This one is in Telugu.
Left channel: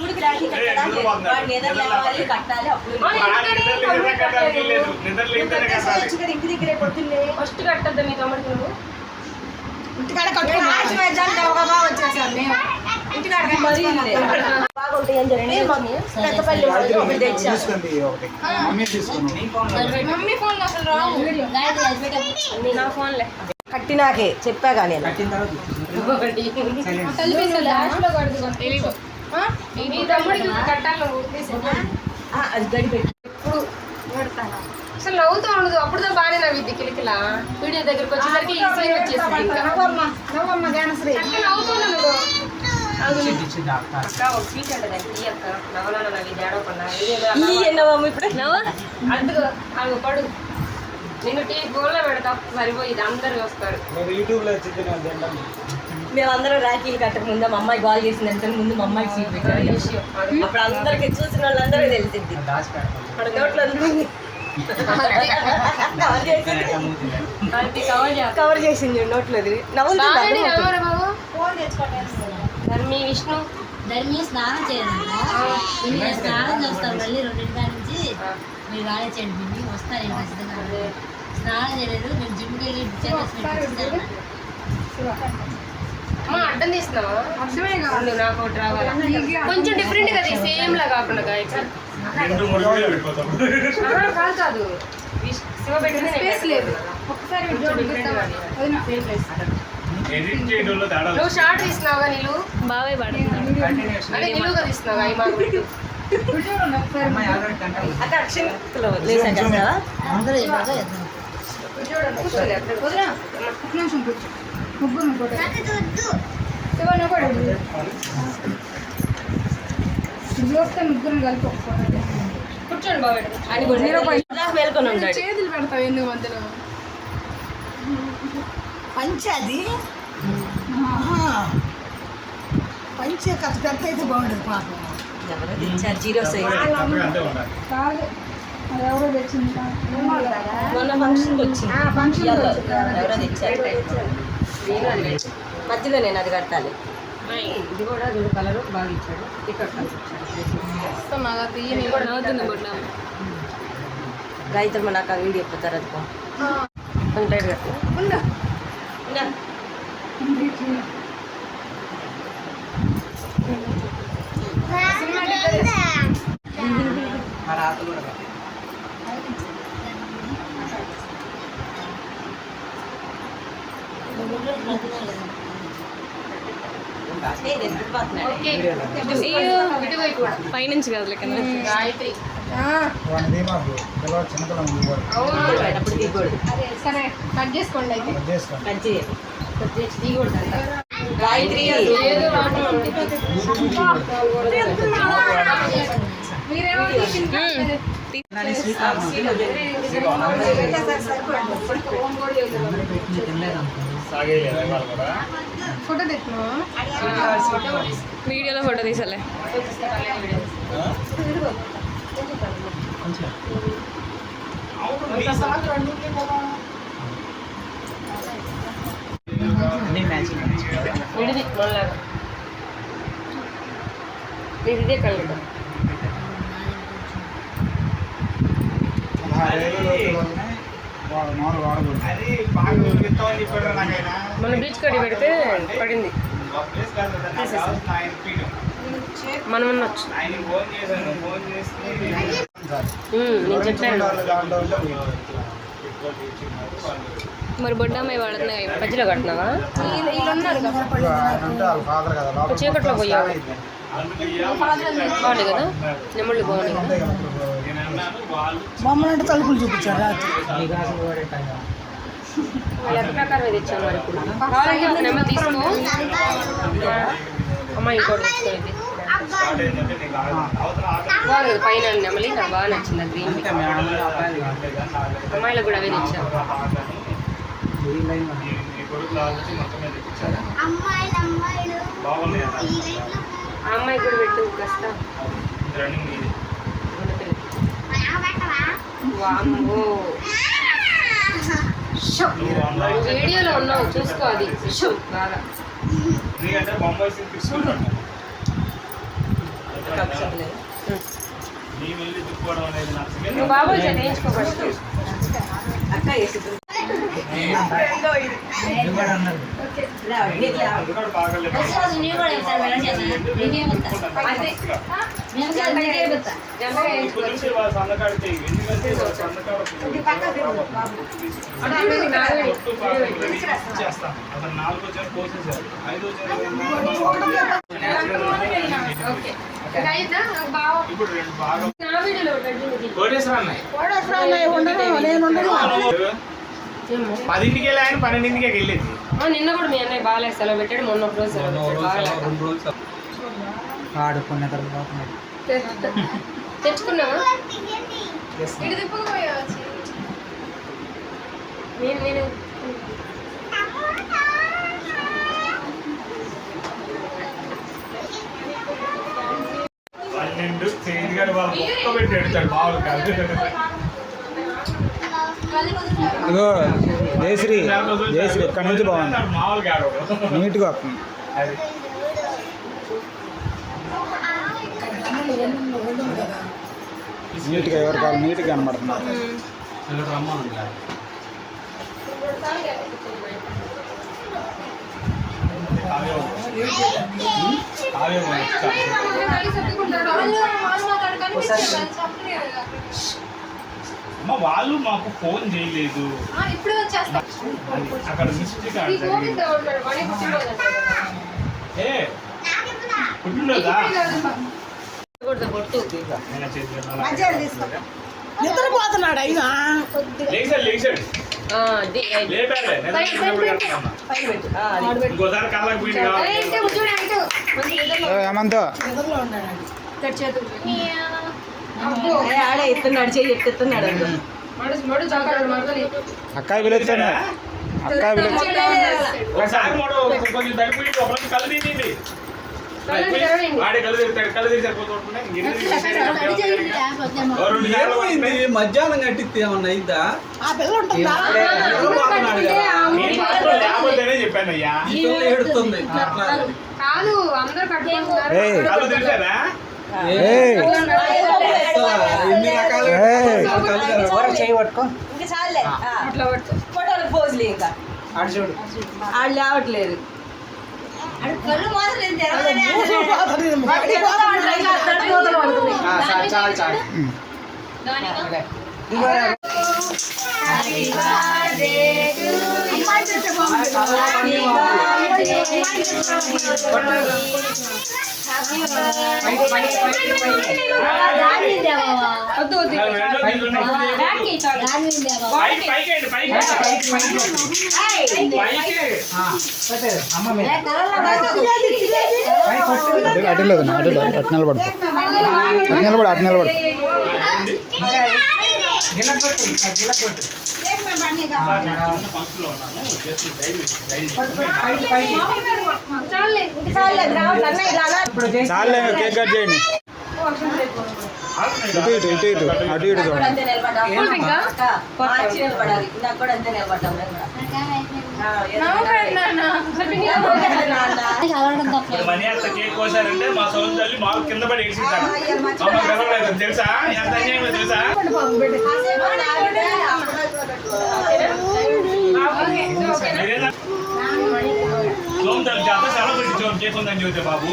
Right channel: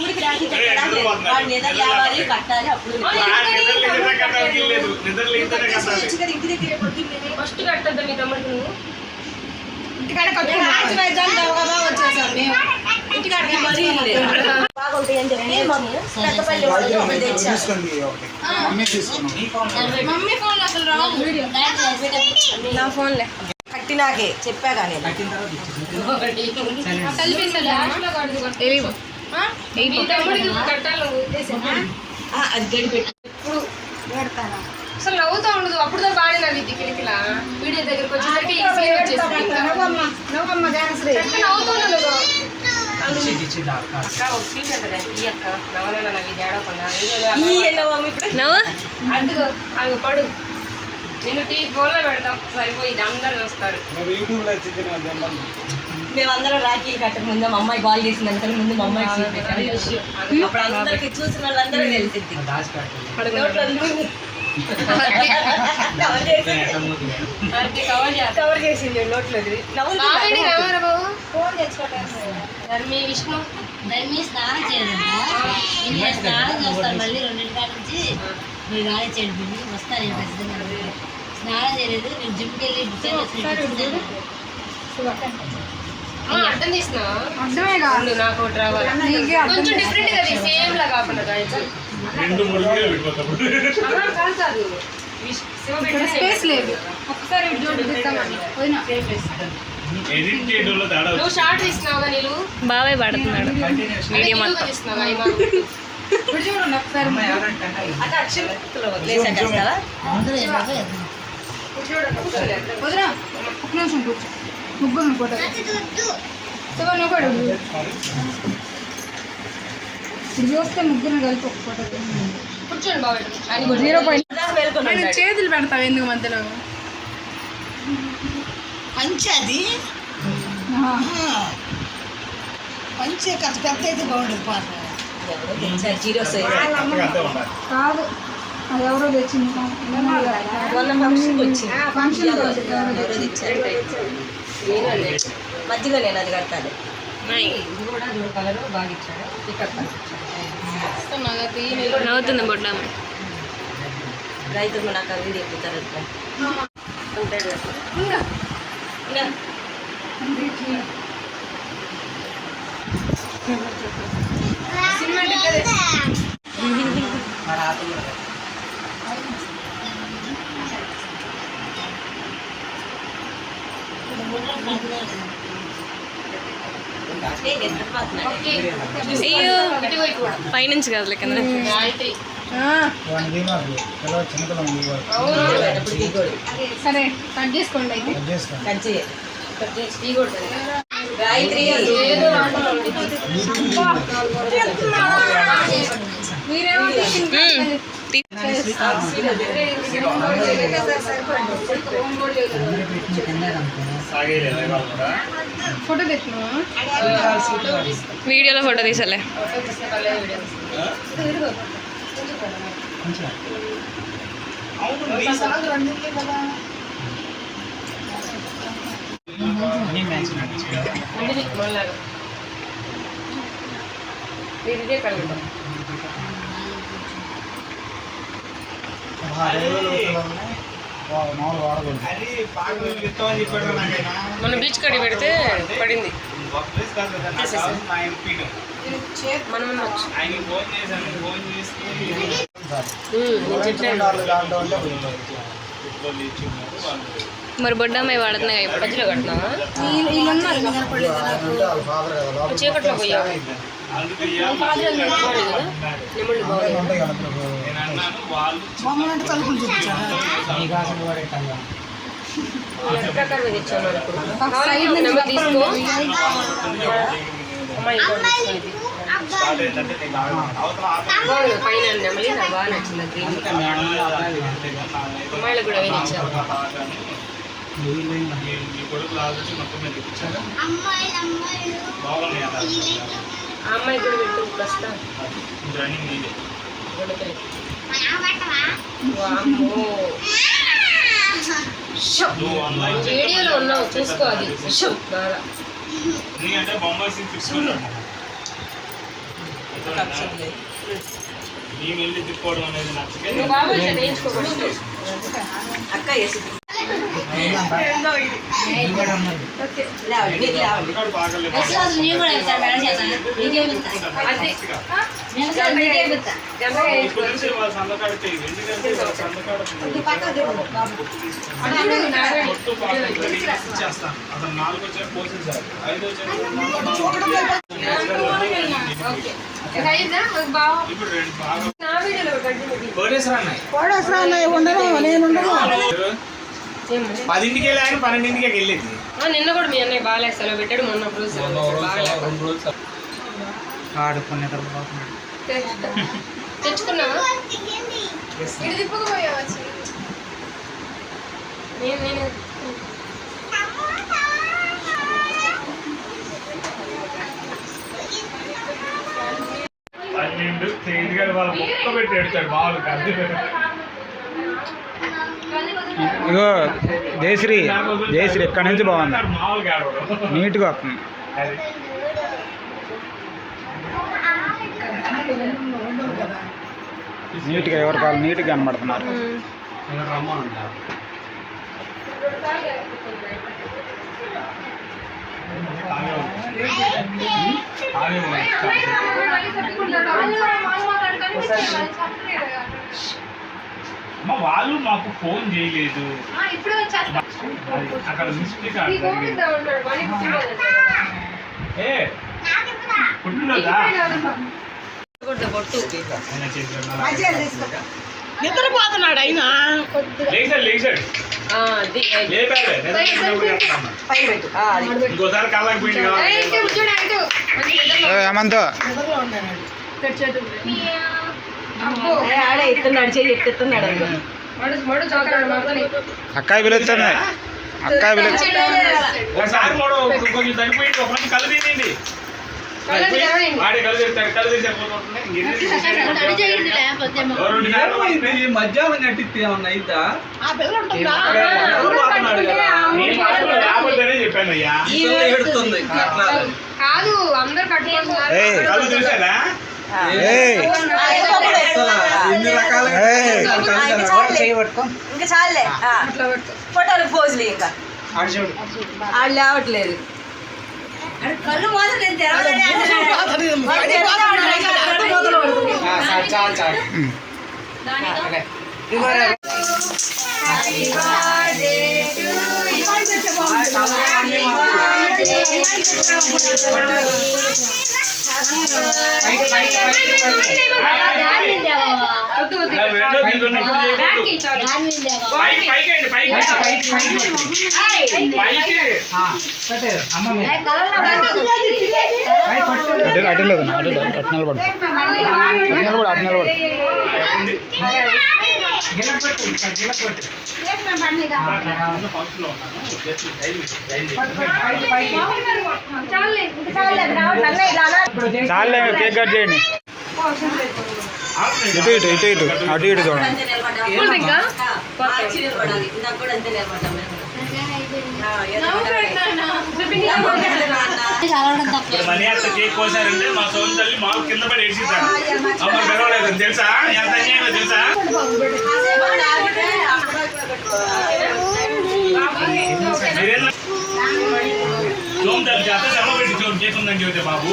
తమ్ముడికి రాఖీ కట్టడం వాడు నిద్ర లేవాలి కట్టాలి అప్పుడు ఇంటి దగ్గరే పొద్దున్నే ఫస్ట్ కట్టద్దా మీ తమ్ముడికి నువ్వు ఇంటికాడ వచ్చేసాను నేను ఇంటికాడికి మరీ బాగుంటాయి అని చెప్పి పెద్దపల్లి మమ్మీ ఫోన్ అసలు నా ఫోన్లే కట్టినాకే చెప్పాగా నేను అది గడిపెట్టి ఎప్పుడు పెడతాను అసలు నవ్వుతూ ఉండదు అప్పుడు బాగానే నవ్విద్ది కిలికిలా వీడియో దగ్గరికి వచ్చేసరికి నవ్వుతూ ఉండదు పడు నిన్ను టీ గోల్లో పెడతాం సరిపోయింది అందరు వస్తారు మేమందరం రాఖీ కట్టక ముందు మా అమ్మాయి కాల్ చేసినంత ముందు మా అమ్మాయి సీట్ పెట్టారు అప్పుడు అందరికి చూసిన వాళ్ళందరూ తెలిసింది కవర్ చేసింది నోట్లో విష్ణు ధర్మి స్నానం చేయాలంట స్నానం చేస్తారు మళ్ళీ 2 నుంచి మీరు కాలేచేయండి బిల్లు వస్తారు ఏం ఖచ్చితంగా స్నానం చేయలేదు నేను జిమ్కి వెళ్ళి అర్థం చేసినావా అర్థమే కాదు నాకు ఒకటి రావాలి కొంచెం డిఫరెంట్ కదా సేమ్ లా కాకుండా కాదు స్పేస్ లేదు ఒక్కసారి నువ్వు షార్ట్ తీసినావా నీళ్ళు బాబాయ్ పడుతున్నాడు చూస్తే ముగ్గురు కలిపి కూర్చోండి బాబాయ్ చేతులు పెడతావు ఎందుకు మధ్యలో పంచది పంచే కాస్త పెద్ద అయితే బాగుండదు పాపం జీరో సైజ్ కాదు అది ఎవరో తెచ్చింది మొన్న ఫంక్షన్కి వచ్చింది మధ్యలో నేను అది కట్టాలి ఇది కూడా కలర్ బాగా ఇచ్చాడు ఇక్కడ నవ్వుతుంది బొడ్డ రైతు నాకు ఆ వీడియో ఎక్కుతారంట ఉంటాడు పైనుంచి కాదు లెక్క గాయత్రి సరే కట్ చేసుకోండి అయితే గాయత్రి ఫోటో తెచ్చినా వీడియోలో ఫోటో తీసలే ఇదే కలిగి మన బీచ్ కడి పెడితే పడింది మనం ఉండొచ్చు మరి బొడ్డమ్మాయి వాడుతున్నాయి ఇప్పుడు మధ్యలో కట్టినావా చీకట్లో పోయా బాగుంది కదా నెమ్మడి బాగుంది మమ్మల్ని తలుపులు చూపించారు లెక్క ప్రకారం తెచ్చాను ఇప్పుడు నెంబర్ తీసుకో అమ్మాయి పైన నెమలి నాకు బాగా నచ్చింది అమ్మాయిలకు కూడా అవే తెచ్చారు ఆ అమ్మాయి కూడా పెట్టు ప్రస్తుతం వీడియోలో ఉన్నావు చూసుకో అది బాగా అక్షతలు. నీ వెళ్ళి తిప్పుకోవడం అనేది నచ్చకే నువ్వు బాబు నేర్చుకోవచ్చు. అక్క వేసి నీకు లేవండి. బాగలేదు నీకు కూడా వెళ్తారు మేడం చేత నీకే పోతా అంతే నేను కూడా నీకే పోతా ఎంతగా వేసుకోవచ్చు. సందకాడితే ఎందుకంటే సందకాడ చేస్తాను అతను 4 వచ్చారు పోసేసారు 5 వచ్చారు ఓకే ఇంకా అయిందా? నాకు బాగా ఇప్పుడు 2 బాగా నా వీడియోలో పెట్టండి. కోరేశ్వర అన్నాయి 10కి వెళ్ళాయని 12కి వెళ్ళింది నిన్న కూడా మీ అన్నయ్య బాగాలేదు సెలవు పెట్టాడు. మొన్న ఒక రోజు ఆడుకునే తర్వాత తెచ్చుకున్నావా? ఇటు తిప్పుకోవచ్చు. నేను 12 చేతిగాడు వాళ్ళ మొక్క పెట్టి ఎడతాడు మామూలు కాదు ఇగో జయశ్రీ జయశ్రీ ఇక్కడ నుంచి బాగుంది మామూలుగా ఆడవడం నీట్గా వస్తుంది అది నీట్గా ఎవరి కాళ్ళు నీట్గా కనబడుతున్నారు అమ్మ వాళ్ళు మాకు ఫోన్ చేయలేదు ఇప్పుడు వచ్చేస్తా. అది అక్కడ మిస్టేక్ ఈ గోవింద ఉన్నాడు వాడికి పుట్టినరోజు ఏ పుట్టినరోజా కొట్టు నిద్రపోతున్నాడు అయినా లేచాడు లేచాడు లేపాడు పైన పెట్టు. అది. ఇంకోసారి కళ్ళకి పోయింది కావాలి ఏమంతో ఆడే ఎత్తున్నాడు చెయ్యి ఎత్తున్నాడు మడు చాకాడు అక్కాయి పిలుస్తుంది అక్కాయి పిలుస్తుంది ఒకసారి కూడా కొంచెం తగ్గిపోయి ఒక మంచి కళ్ళు తీయండి ఆడే కళ్ళు తీస్తాడు కళ్ళు తీసే మధ్యాహ్నం కట్టిస్తే ఏమన్నా అయిద్దా చెప్పాను అయ్యా ఎడుతుంది కాదు అందరు కట్టుకుంటున్నారు. ఏయ్ కళ్ళు తీసారా ఏయ్ ఎన్ని రకాలుగా ఏయ్. ఇంకా చాలే ఫోటోలు పోజులు ఇంకా ఆడు లేవట్లేదు. కళ్ళు మాత్రం నేను తెరవలేనే అంటున్నాడు. వద్దు వద్దు బ్యాక్కి చాలు. అటు అటు లేదు అటు అటు నిలబడు అటు నిలబడు అటు నిలబడు చాలే కేక్ కట్ చేయండి ఇటు ఇటు ఇటు ఇటు అటు ఇటు చూడండి అంతే నిలబడ్డాం. అక్క, మార్చి నిలబడాలి. ఇందాక కూడా అంతే నిలబడ్డాం. మనీ అంత కేక్ కోసారంటే మా సోదరు తల్లి మాకు కింద పడి ఏడ్చింటాడు అమ్మ గర్వలేదు తెలుసా ఎంత అన్యాయమో తెలుసా మీరేనా సోమ్ తల్లి చేత శ్రమ పెట్టి జోమ్ చేస్తుందని చెబితే బాబు